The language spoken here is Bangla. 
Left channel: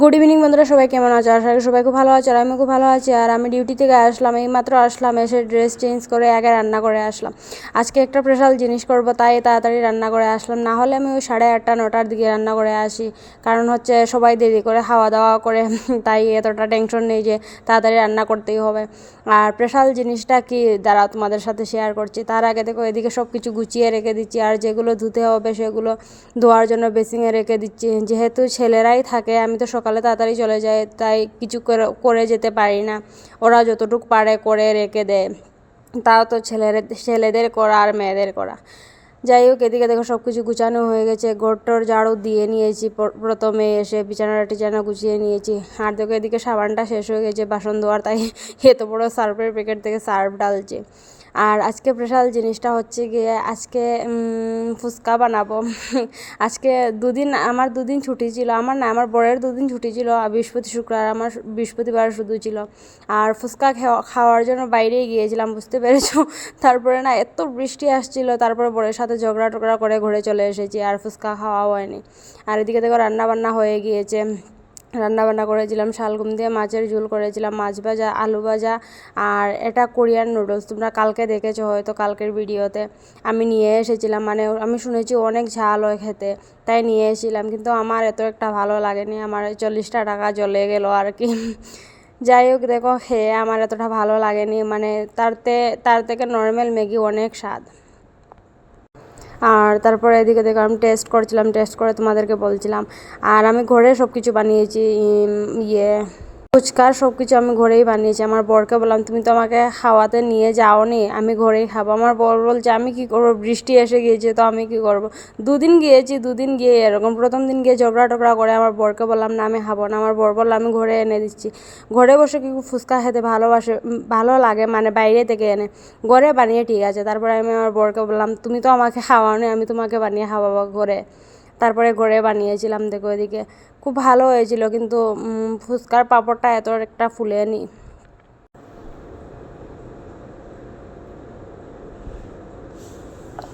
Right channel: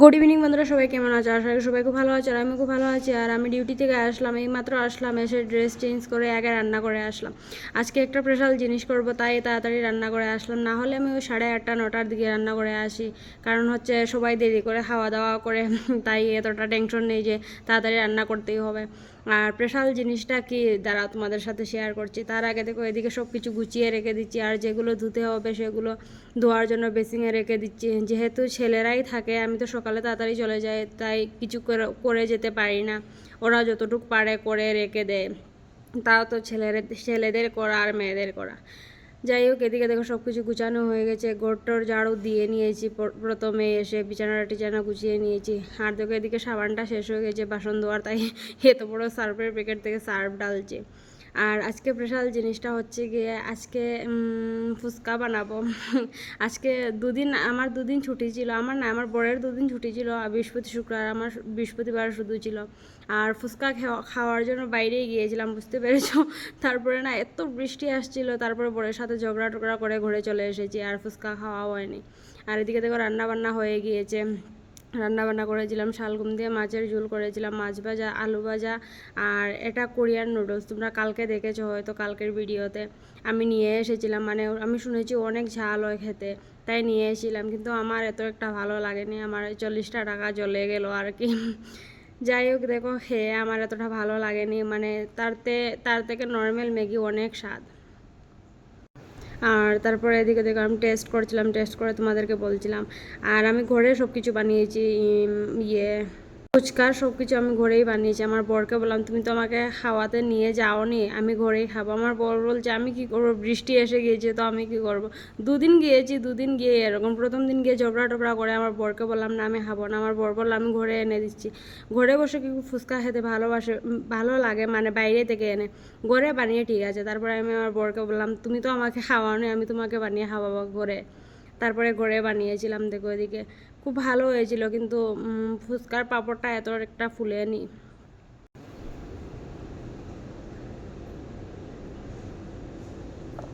গুড ইভিনিং বন্ধুরা, সবাই কেমন আছো? আশা করি সবাই খুব ভালো আছে, আর আমি খুব ভালো আছি। আর আমি ডিউটি থেকে আসলাম, এইমাত্র আসলাম, এসে ড্রেস চেঞ্জ করে আগে রান্না করে আসলাম। আজকে একটা স্পেশাল জিনিস করব, তাই তাড়াতাড়ি রান্না করে আসলাম। না হলে আমি ওই 8:30 9টার দিকে রান্না করে আসি, কারণ হচ্ছে সবাই দেরি করে খাওয়া দাওয়া করে, তাই এতটা টেনশন নেই যে তাড়াতাড়ি রান্না করতেই হবে। আর স্পেশাল জিনিসটা কি দাঁড়াও তোমাদের সাথে শেয়ার করছি। তার আগে দেখো, এদিকে সব কিছু গুছিয়ে রেখে দিচ্ছি, আর যেগুলো ধুতে হবে সেগুলো ধোয়ার জন্য বেসিংয়ে রেখে দিচ্ছি। যেহেতু ছেলেরাই থাকে, আমি তো সকালে তাড়াতাড়ি চলে যাই, তাই কিছু করে যেতে পারি না। ওরা যতটুকু পারে করে রেখে দেয়, তাও তো ছেলেদের করা আর মেয়েদের করা। যাই হোক, এদিকে দেখো সব কিছু গুছানো হয়ে গেছে, ঘরটর ঝাড়ু দিয়ে নিয়েছি, প্রথমে এসে বিছানা টিছানা গুছিয়ে নিয়েছি। আর দেখো এদিকে সাবানটা শেষ হয়ে গেছে বাসন ধোয়ার, তাই এত বড় সার্ফের প্যাকেট থেকে সার্ফ ডালছে। আর আজকে স্পেশাল জিনিসটা হচ্ছে গিয়ে, আজকে ফুচকা বানাবো। আজকে আমার দুদিন ছুটি ছিল, আমার বরের দুদিন ছুটি ছিল, বৃহস্পতি শুক্রবার, আমার বৃহস্পতিবার শুধু ছিল। আর ফুচকা খাওয়ার জন্য বাইরেই গিয়েছিলাম, বুঝতে পেরেছো। তারপরে না এত বৃষ্টি আসছিল, তারপরে বরের সাথে ঝগড়া টগড়া করে ঘরে চলে এসেছি, আর ফুচকা খাওয়া হয়নি। আর এদিকে দেখো রান্না বান্না হয়ে গিয়েছে। রান্নাবান্না করেছিলাম, শালগম দিয়ে মাছের ঝোল করেছিলাম, মাছ ভাজা, আলু ভাজা, আর এটা কোরিয়ান নুডলস। তোমরা কালকে দেখেছো হয়তো, কালকের ভিডিওতে আমি নিয়ে এসেছিলাম। মানে আমি শুনেছি অনেক ঝাল হয় খেতে, তাই নিয়ে এসেছিলাম, কিন্তু আমার এত একটা ভালো লাগেনি। আমার 40টা টাকা চলে গেল আর কি। যাই হোক, দেখো খেয়ে আমার এতটা ভালো লাগেনি, মানে তার থেকে নর্মাল ম্যাগি অনেক স্বাদ। আর তারপরে এদিকে দেখো আমি টেস্ট করছিলাম, টেস্ট করে তোমাদেরকে বলছিলাম। আর আমি ঘরে সব কিছু বানিয়েছি, ফুচকার সব কিছু আমি ঘরেই বানিয়েছি। আমার বরকে বললাম, তুমি তো আমাকে খাওয়াতে নিয়ে যাওনি, আমি ঘরেই খাবো। আমার বর বলছে, আমি কি করবো, বৃষ্টি এসে গিয়েছে তো আমি কি করব। দুদিন গিয়েছি, দুদিন গিয়ে এরকম। প্রথম দিন গিয়ে ঝগড়া টগড়া করে আমার বরকে বললাম না আমি খাবো না। আমার বর বললো আমি ঘরে এনে দিচ্ছি। ঘরে বসে কি ফুচকা খেতে ভালো লাগে, মানে বাইরে থেকে এনে। ঘরে বানিয়ে ঠিক আছে। তারপরে আমি আমার বরকে বললাম, তুমি তো আমাকে খাওয়াওনি, আমি তোমাকে বানিয়ে খাওয়াবো ঘরে। তারপরে ঘরে বানিয়েছিলাম। দেখো এদিকে খুব ভালো হয়েছিল, কিন্তু ফুচকার পাঁপড়টা এত একটা ফুলেনি।